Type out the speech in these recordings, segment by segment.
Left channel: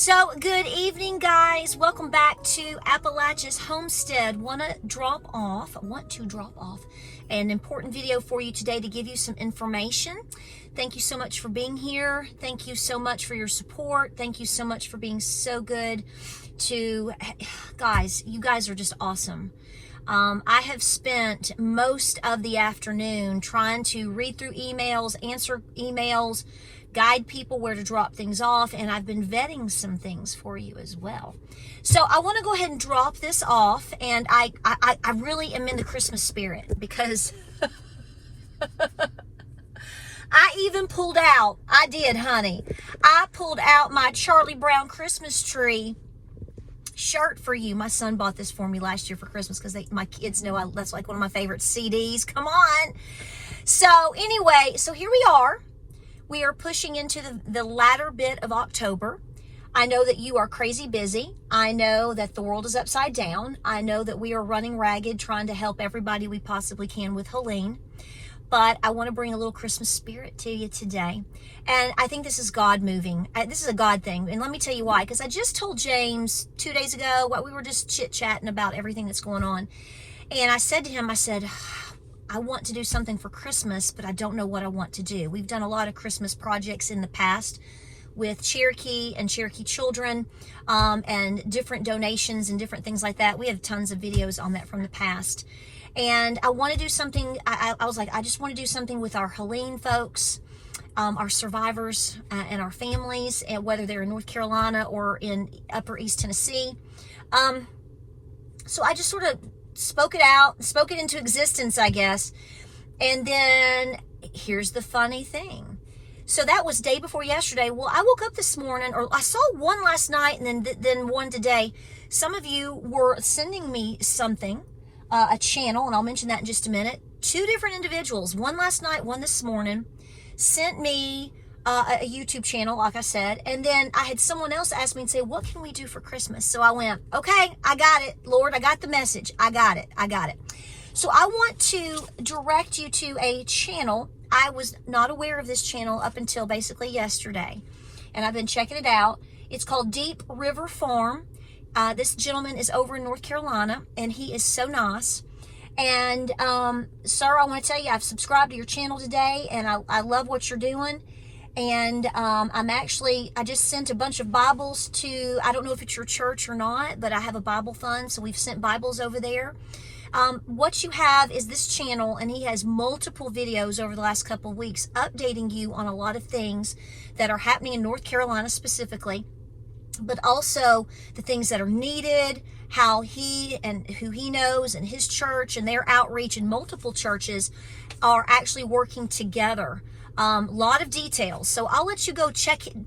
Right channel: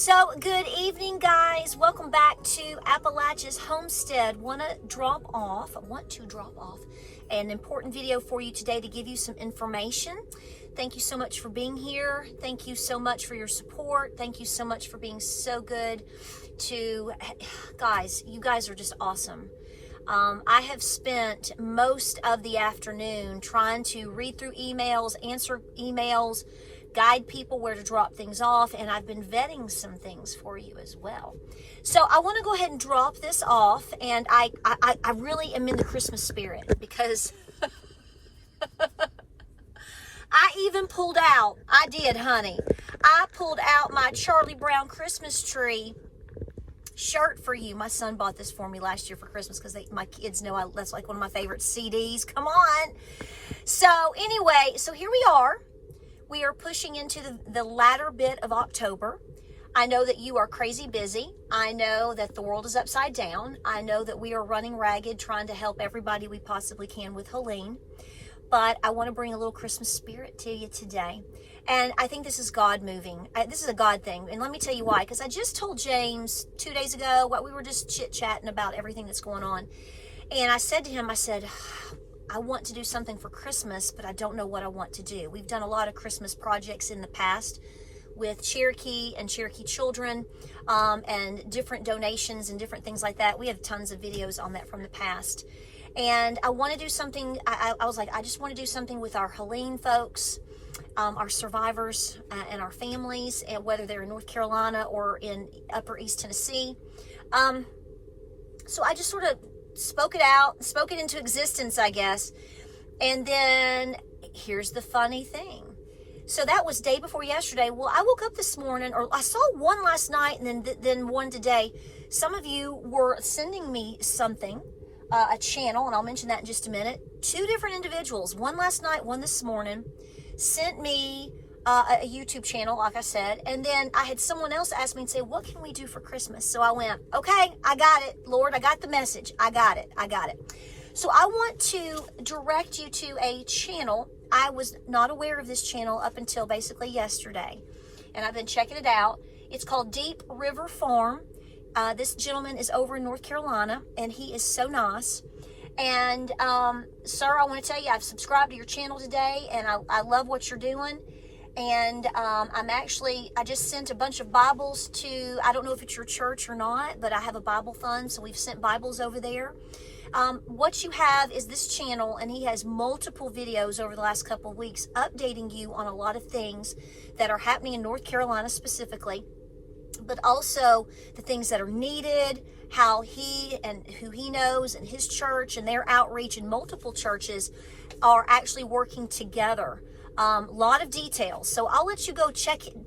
So, good evening, guys. Welcome back to Appalachia's Homestead. Want to drop off an important video for you today to give you some information. Thank you so much for being here. Thank you so much for your support. Thank you so much for being so good to, guys, you guys are just awesome. I have spent most of the afternoon trying to read through emails, answer emails, guide people where to drop things off, and I've been vetting some things for you as well. So I want to go ahead and drop this off, and I really am in the Christmas spirit because I even pulled out, I did, honey. I pulled out my Charlie Brown Christmas tree shirt for you. My son bought this for me last year for Christmas because my kids know that's like one of my favorite CDs. Come on. So anyway, so here we are. We are pushing into the latter bit of October. I know that you are crazy busy. I know that the world is upside down. I know that we are running ragged trying to help everybody we possibly can with Helene. But I want to bring a little Christmas spirit to you today. And I think this is God moving. This is a God thing. And let me tell you why. Because I just told James 2 days ago, we were just chit-chatting about everything that's going on. And I said to him, I said, I want to do something for Christmas, but I don't know what I want to do. We've done a lot of Christmas projects in the past with Cherokee and Cherokee children and different donations and different things like that. We have tons of videos on that from the past. And I want to do something, I was like, I just want to do something with our Helene folks, our survivors and our families, and whether they're in North Carolina or in Upper East Tennessee. So I just sort of spoke it into existence, I guess. And then here's the funny thing. So that was day before yesterday. Well, I woke up this morning, or I saw one last night and then one today. Some of you were sending me something, a channel, and I'll mention that in just a minute. 2 different individuals, one last night, one this morning, sent me a YouTube channel, like I said, and then I had someone else ask me and say, what can we do for Christmas? So I went, okay, I got it, Lord, I got the message, I got it. So I want to direct you to a channel. I was not aware of this channel up until basically yesterday, and I've been checking it out. It's called Deep River Farm. This gentleman is over in North Carolina, and he is so nice. And sir, I want to tell you, I've subscribed to your channel today, and I love what you're doing. And I just sent a bunch of Bibles to, I don't know if it's your church or not, but I have a Bible fund, so we've sent Bibles over there. What you have is this channel, and he has multiple videos over the last couple of weeks updating you on a lot of things that are happening in North Carolina specifically, but also the things that are needed, how he and who he knows and his church and their outreach in multiple churches are actually working together. Lot of details. So I'll let you go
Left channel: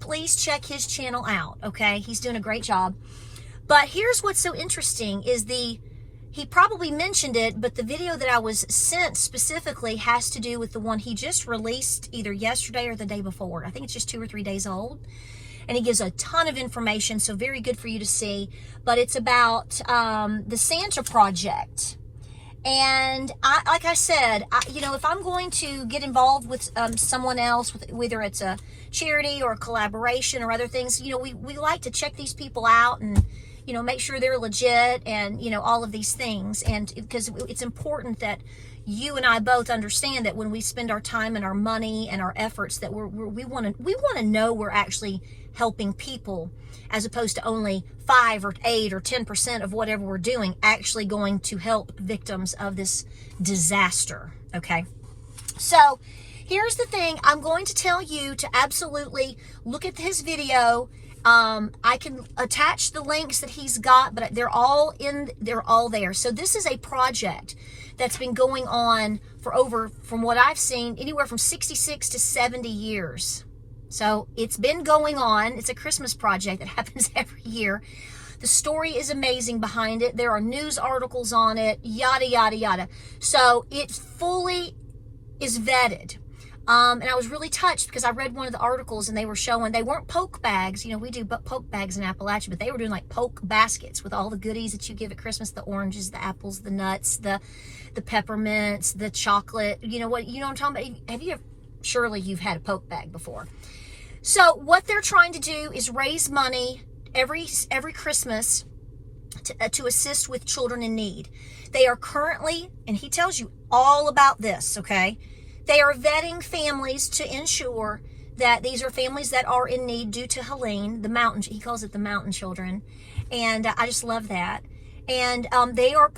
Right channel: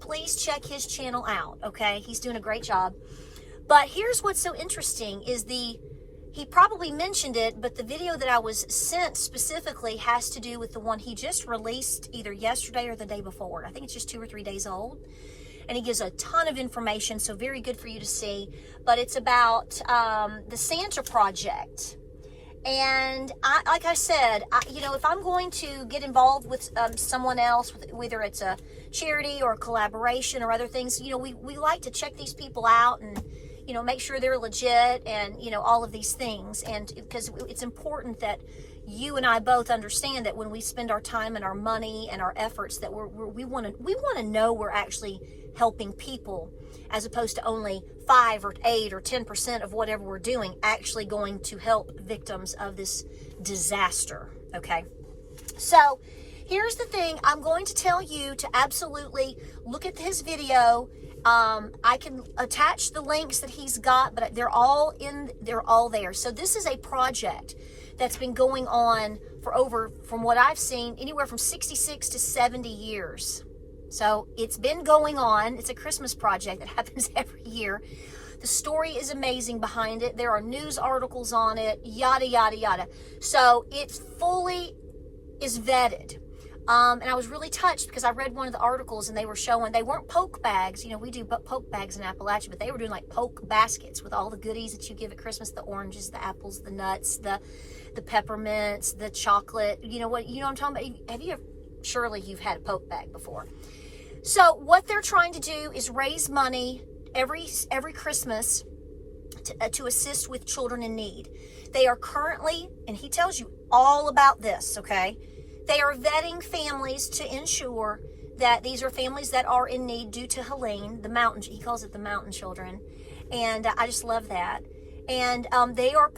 please check his channel out. Okay. He's doing a great job. But here's what's so interesting is he probably mentioned it, but the video that I was sent specifically has to do with the one he just released either yesterday or the day before. I think it's just 2 or 3 days old. And he gives a ton of information, so very good for you to see. But it's about the Santa Project. And like I said, if I'm going to get involved with someone else, whether it's a charity or a collaboration or other things, we like to check these people out and, make sure they're legit and, all of these things. And because it's important that you and I both understand that when we spend our time and our money and our efforts, that we want to know we're actually helping people, as opposed to only 5 or 8 or 10% of whatever we're doing actually going to help victims of this disaster. Okay. So here's the thing. I'm going to tell you to absolutely look at his video. I can attach the links that he's got, but they're all there. So this is a project that's been going on for from what I've seen, anywhere from 66 to 70 years. So it's been going on. It's a Christmas project that happens every year. The story is amazing behind it. There are news articles on it, yada, yada, yada. So it fully is vetted. And I was really touched because I read one of the articles and they were showing, they weren't poke bags. We do poke bags in Appalachia, but they were doing like poke baskets with all the goodies that you give at Christmas, the oranges, the apples, the nuts, the peppermints, the chocolate. You know what I'm talking about? Surely you've had a poke bag before. So what they're trying to do is raise money every Christmas to assist with children in need. They are currently, and he tells you all about this, okay? They are vetting families to ensure that these are families that are in need due to Helene, the mountain, he calls it the mountain children. And I just love that. And they are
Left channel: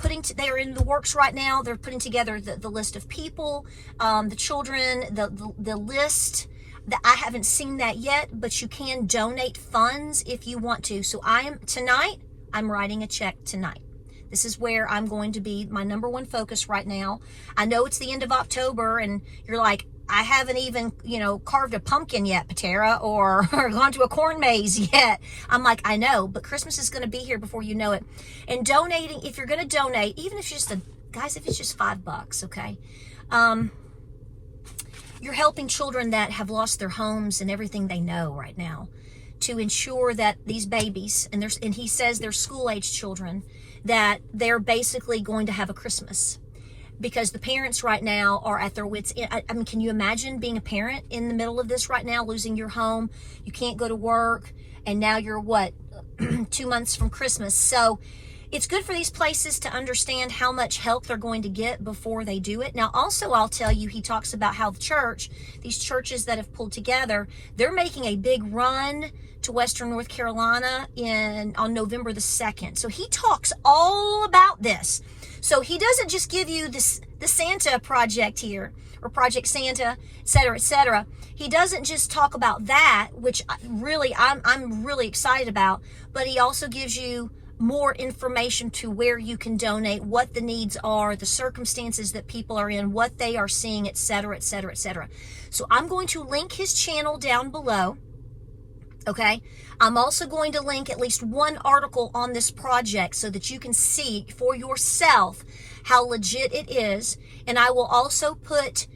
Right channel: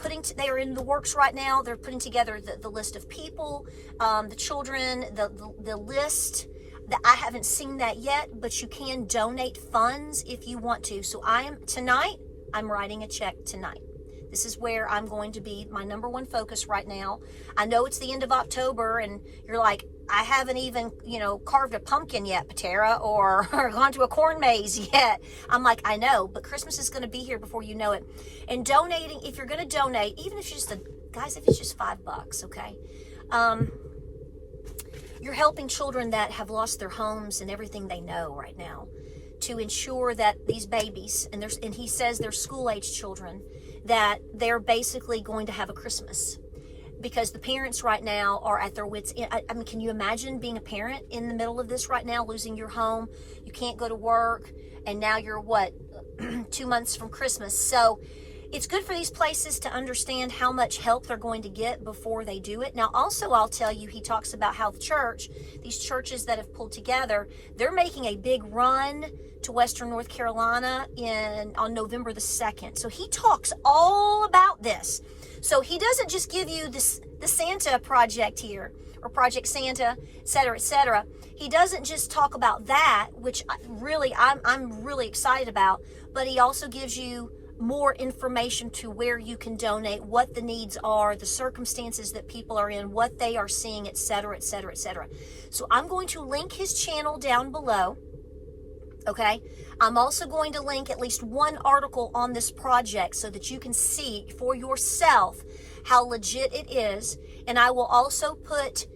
in the works right now. They're putting together the list of people, the children, the list. I haven't seen that yet, but you can donate funds if you want to. So I'm writing a check tonight. This is where I'm going to be my number one focus right now. I know it's the end of October and you're like, I haven't even, carved a pumpkin yet, Patara, or gone to a corn maze yet. I'm like, I know, but Christmas is going to be here before you know it. And donating, if you're going to donate, even if it's if it's just $5, okay? You're helping children that have lost their homes and everything they know right now, to ensure that these babies, and he says they're school-age children, that they're basically going to have a Christmas. Because the parents right now are at their wits' end. I mean, can you imagine being a parent in the middle of this right now, losing your home? You can't go to work, and now you're 2 months from Christmas. So it's good for these places to understand how much help they're going to get before they do it. Now, also, I'll tell you, he talks about how these churches that have pulled together, they're making a big run to Western North Carolina on November the 2nd. So he talks all about this. So he doesn't just give you the Santa project here, or Project Santa, et cetera, et cetera. He doesn't just talk about that, which I'm really excited about, but he also gives you more information to where you can donate, what the needs are, the circumstances that people are in, what they are seeing, et cetera, et cetera, et cetera. So I'm going to link his channel down below. Okay, I'm also going to link at least one article on this project so that you can see for yourself how legit it is. And I will also put,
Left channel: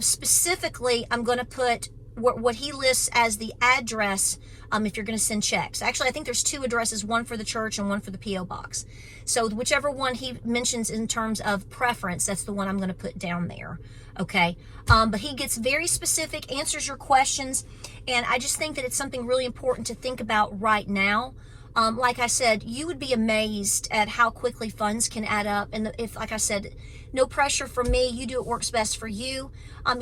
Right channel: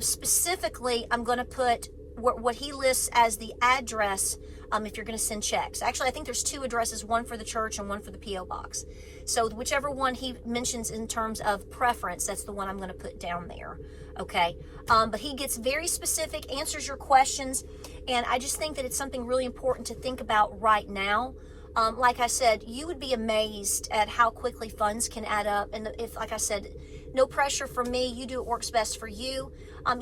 specifically, I'm going to put what he lists as the address if you're going to send checks. Actually, I think there's 2 addresses, one for the church and one for the P.O. box. So whichever one he mentions in terms of preference, that's the one I'm going to put down there. Okay, but he gets very specific, answers your questions, and I just think that it's something really important to think about right now. Like I said, you would be amazed at how quickly funds can add up, and if, like I said, no pressure from me, you do what works best for you.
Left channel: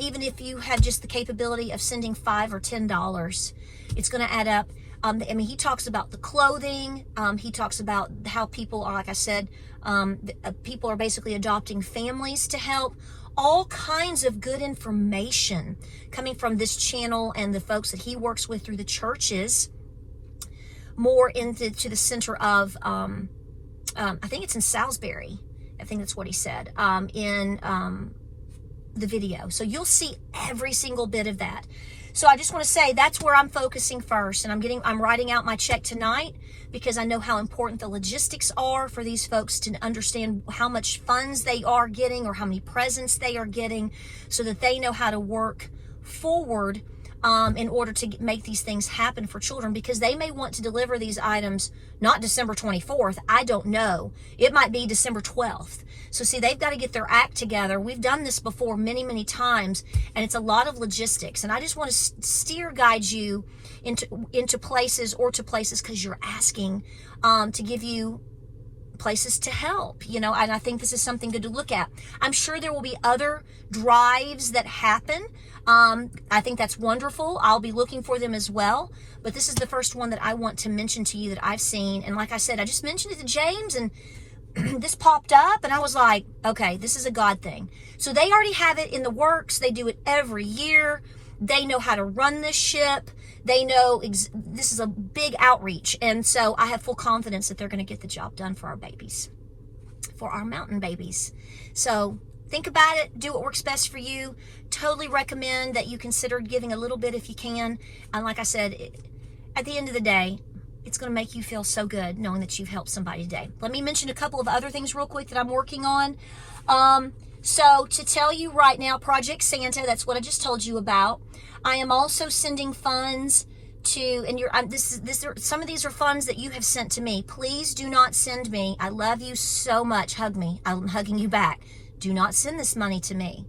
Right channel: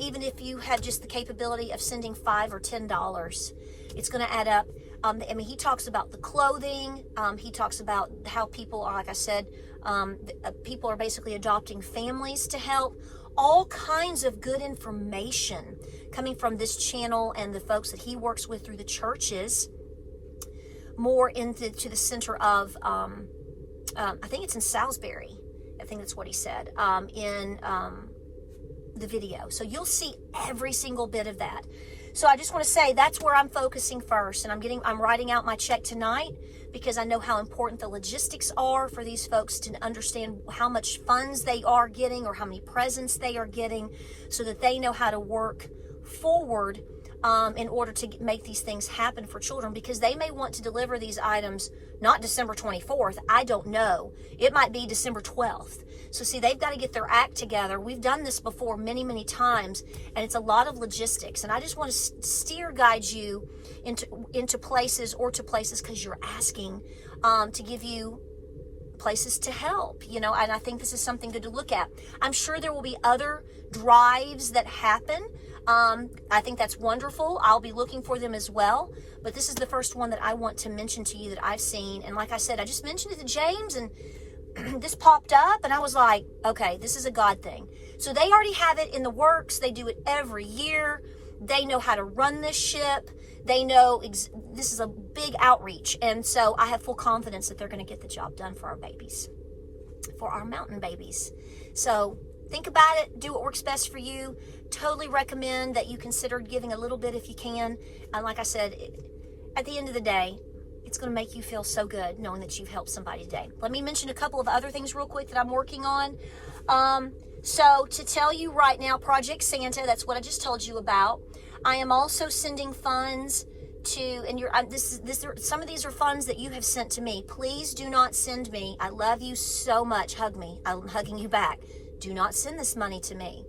Even if you have just the capability of sending $5 or $10, it's going to add up. I mean, he talks about the clothing. He talks about how people are, like I said, people are basically adopting families to help. All kinds of good information coming from this channel and the folks that he works with through the churches, more into the center of, I think it's in Salisbury. I think that's what he said in the video. So you'll see every single bit of that. So I just want to say that's where I'm focusing first, and I'm writing out my check tonight because I know how important the logistics are for these folks to understand how much funds they are getting or how many presents they are getting, so that they know how to work forward in order to make these things happen for children, because they may want to deliver these items not December 24th. I don't know. It might be December 12th. So see, they've got to get their act together. We've done this before many, many times, and it's a lot of logistics. And I just want to guide you into places, or to places because you're asking to give you places to help, and I think this is something good to look at. I'm sure there will be other drives that happen. I think that's wonderful. I'll be looking for them as well. But this is the first one that I want to mention to you that I've seen. And like I said, I just mentioned it to James, and this popped up, and I was like, okay, this is a God thing. So they already have it in the works. They do it every year. They know how to run this ship. They know this is a big outreach. And so I have full confidence that they're going to get the job done for our babies, for our mountain babies. So think about it. Do what works best for you. Totally recommend that you consider giving a little bit if you can. And like I said, at the end of the day, it's going to make you feel so good knowing that you've helped somebody today. Let me mention a couple of other things real quick that I'm working on. So to tell you right now, Project Santa, that's what I just told you about. I am also sending funds to, and some of these are funds that you have sent to me. Please do not send me. I love you so much. Hug me. I'm hugging you back. Do not send this money to me.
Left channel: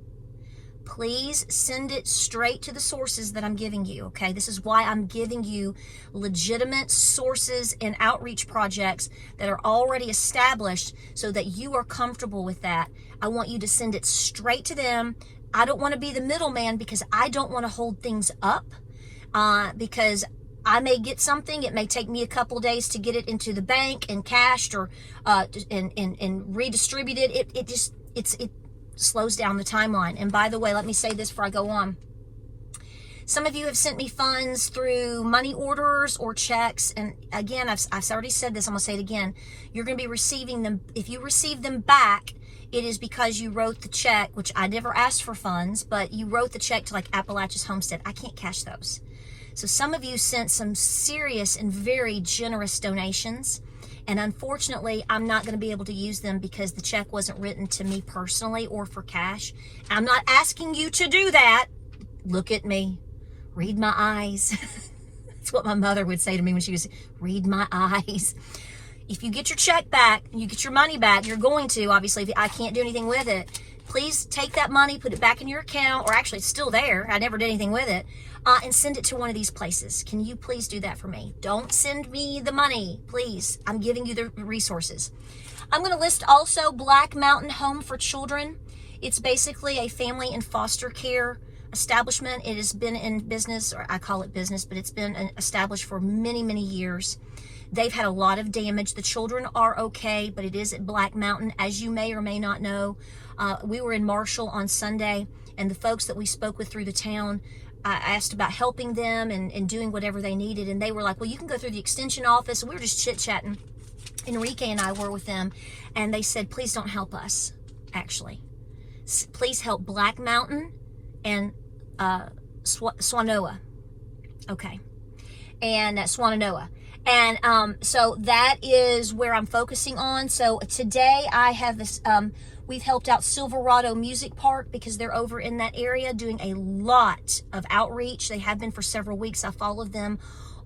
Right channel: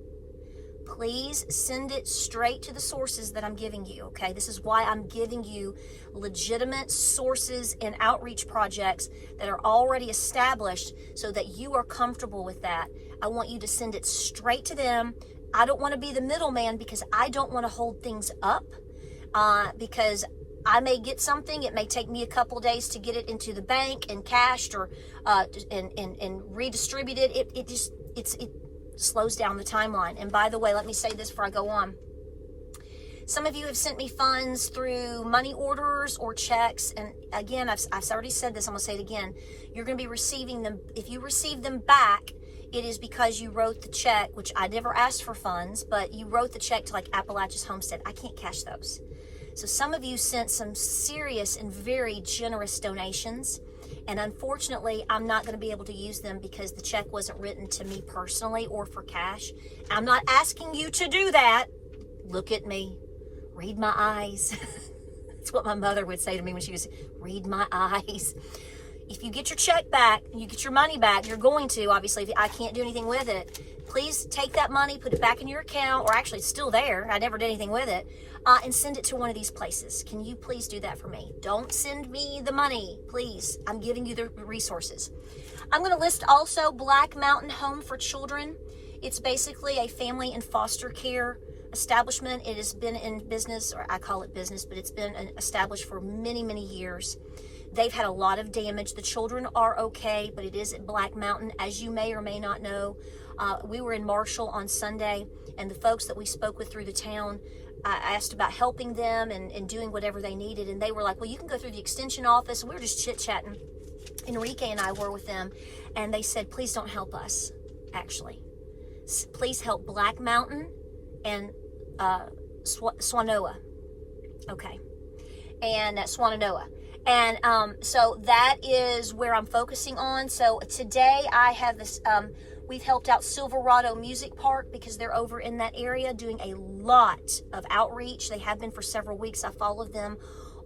please send it straight to the sources that I'm giving you, okay? This is why I'm giving you legitimate sources and outreach projects that are already established so that you are comfortable with that. I want you to send it straight to them. I don't want to be the middleman because I don't want to hold things up because I may get something. It may take me a couple of days to get it into the bank and cashed or and redistributed. It slows down the timeline. And by the way, let me say this before I go on. Some of you have sent me funds through money orders or checks. And again, I've already said this. I'm going to say it again. You're going to be receiving them. If you receive them back, it is because you wrote the check, which I never asked for funds, but you wrote the check to like Appalachia's Homestead. I can't cash those. So some of you sent some serious and very generous donations. And unfortunately, I'm not going to be able to use them because the check wasn't written to me personally or for cash. I'm not asking you to do that. Look at me. Read my eyes. That's what my mother would say to me when she was, read my eyes. If you get your check back, you get your money back, you're going to, obviously, if I can't do anything with it. Please take that money, put it back in your account, or actually it's still there. I never did anything with it. And send it to one of these places. Can you please do that for me? Don't send me the money, please. I'm giving you the resources. I'm going to list also Black Mountain Home for Children. It's basically a family and foster care establishment. It has been in business, or I call it business, but it's been established for many, many years. They've had a lot of damage. The children are okay, but it is at Black Mountain, as you may or may not know. We were in Marshall on Sunday, and the folks that we spoke with through the town, I asked about helping them and doing whatever they needed, and they were like, well, you can go through the extension office. And we were just chit-chatting. Enrique and I were with them, and they said, please don't help us, actually. Please help Black Mountain and Swanoa. Okay. And Swananoa. And so that is where I'm focusing on. So today I have this, we've helped out Silverado Music Park because they're over in that area doing a lot of outreach. They have been for several weeks. I followed them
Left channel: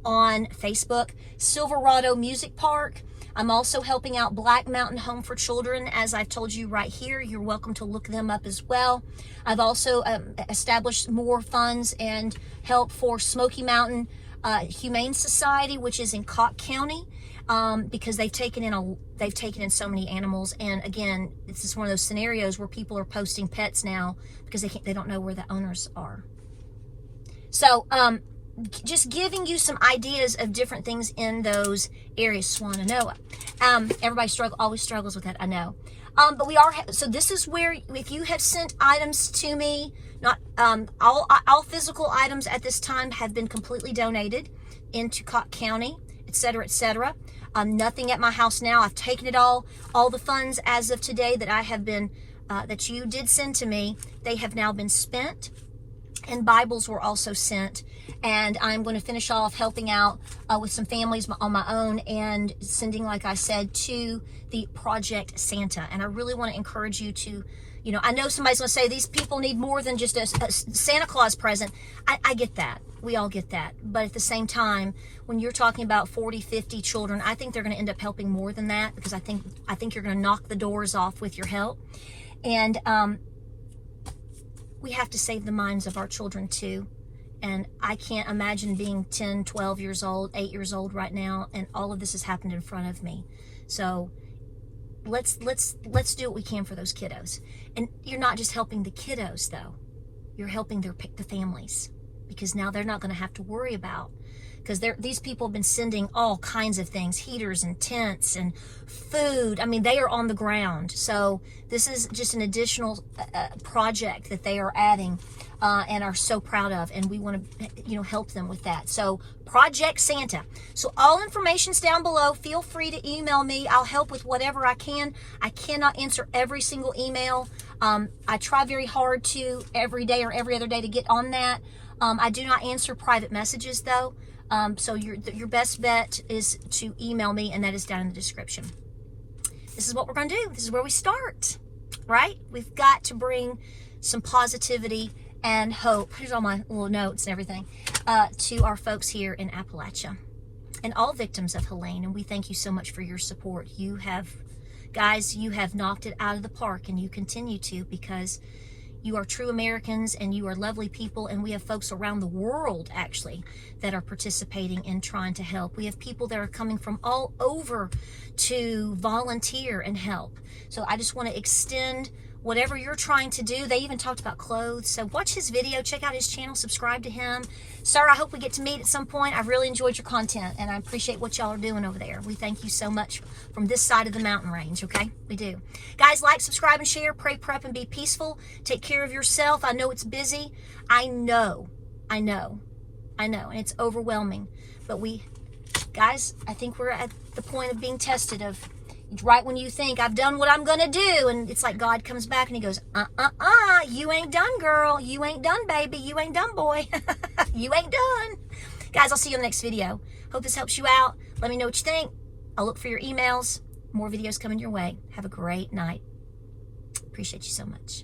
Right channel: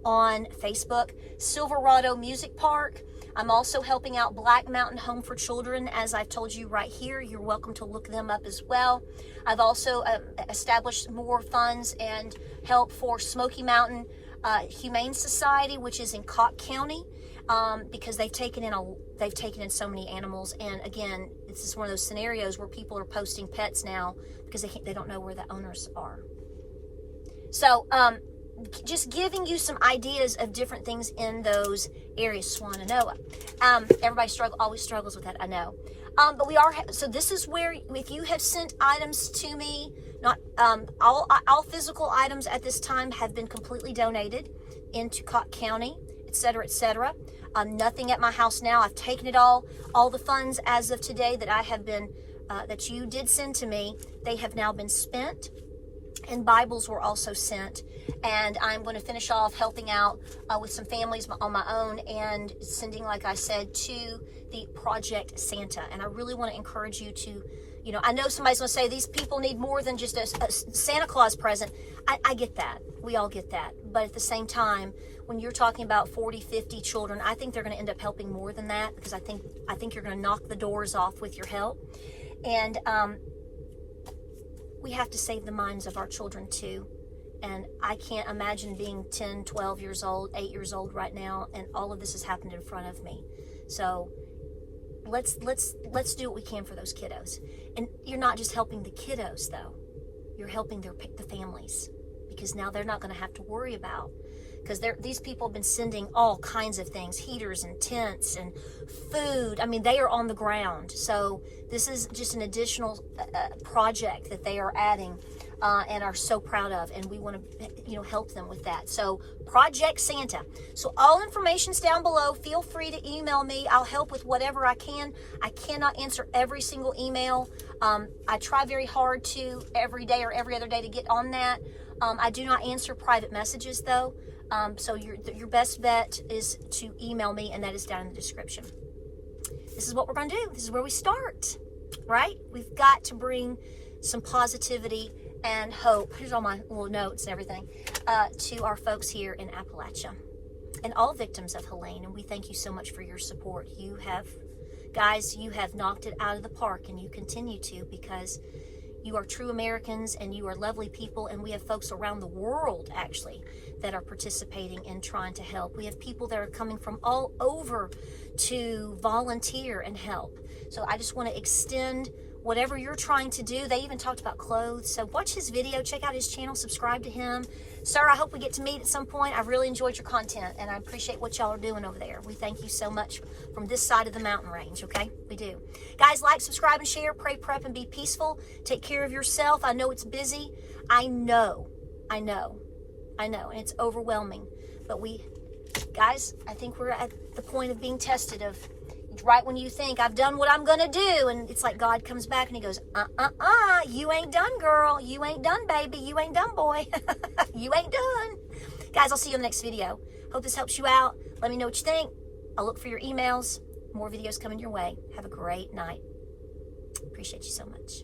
on Facebook. Silverado Music Park. I'm also helping out Black Mountain Home for Children, as I've told you right here. You're welcome to look them up as well. I've also established more funds and help for Smoky Mountain Humane Society, which is in Cocke County, because they've taken in so many animals. And again, this is one of those scenarios where people are posting pets now because they don't know where the owners are. So just giving you some ideas of different things in those areas. Swannanoa. Everybody always struggles with that, I know. But we are, so this is where, if you have sent items to me, not all physical items at this time have been completely donated into Cocke County, etc., etc. Nothing at my house now. I've taken it all the funds as of today that I have been, that you did send to me, they have now been spent. And Bibles were also sent. And I'm going to finish off helping out with some families on my own and sending, like I said, to the Project Santa. And I really want to encourage you to, you know, I know somebody's going to say these people need more than just a Santa Claus present. I get that. We all get that. But at the same time, when you're talking about 40, 50 children, I think they're going to end up helping more than that, because I think you're going to knock the doors off with your help. And we have to save the minds of our children too. And I can't imagine being 10, 12 years old, 8 years old right now, and all of this has happened in front of me. So let's do what we can for those kiddos. And you're not just helping the kiddos though. You're helping the families, because now they're not going to have to worry about, because these people have been sending all kinds of things, heaters and tents and food. I mean, they are on the ground. So this is just an additional project that they are adding and are so proud of. And we want to, you know, help them with that. So Project Santa. So all information's down below. Feel free to email me. I'll help with whatever I can. I cannot answer every single email. I try very hard to every day or every other day to get on that. I do not answer private messages though. So your best bet is to email me, and that is down in the description. This is what we're going to do. This is where we start, right? We've got to bring some positivity and hope. Here's all my little notes and everything to our folks here in Appalachia and all victims of Helene. And we thank you so much for your support. You have, guys, you have knocked it out of the park, and you continue to, because You are true Americans, and you are lovely people, and we have folks around the world, actually, that are participating in trying to help. We have people that are coming from all over to volunteer and help. So I just want to extend whatever you're trying to do. They even talked about clothes. So watch his video, check out his channel, subscribe to him. Sir, I hope we get to meet at some point. I've really enjoyed your content, and I appreciate what y'all are doing over there. We thank you so much from this side of the mountain range, okay? We do. Guys, like, subscribe, and share. Pray, prep, and be peaceful. Take care of yourself. I know it's busy. I know. And it's overwhelming. But guys, I think we're at the point of being tested, of right when you think, I've done what I'm going to do, and it's like God comes back and he goes, you ain't done, girl. You ain't done, baby. You ain't done, boy. You ain't done. Guys, I'll see you in the next video. Hope this helps you out. Let me know what you think. I'll look for your emails. More videos coming your way. Have a great night. Appreciate you so much.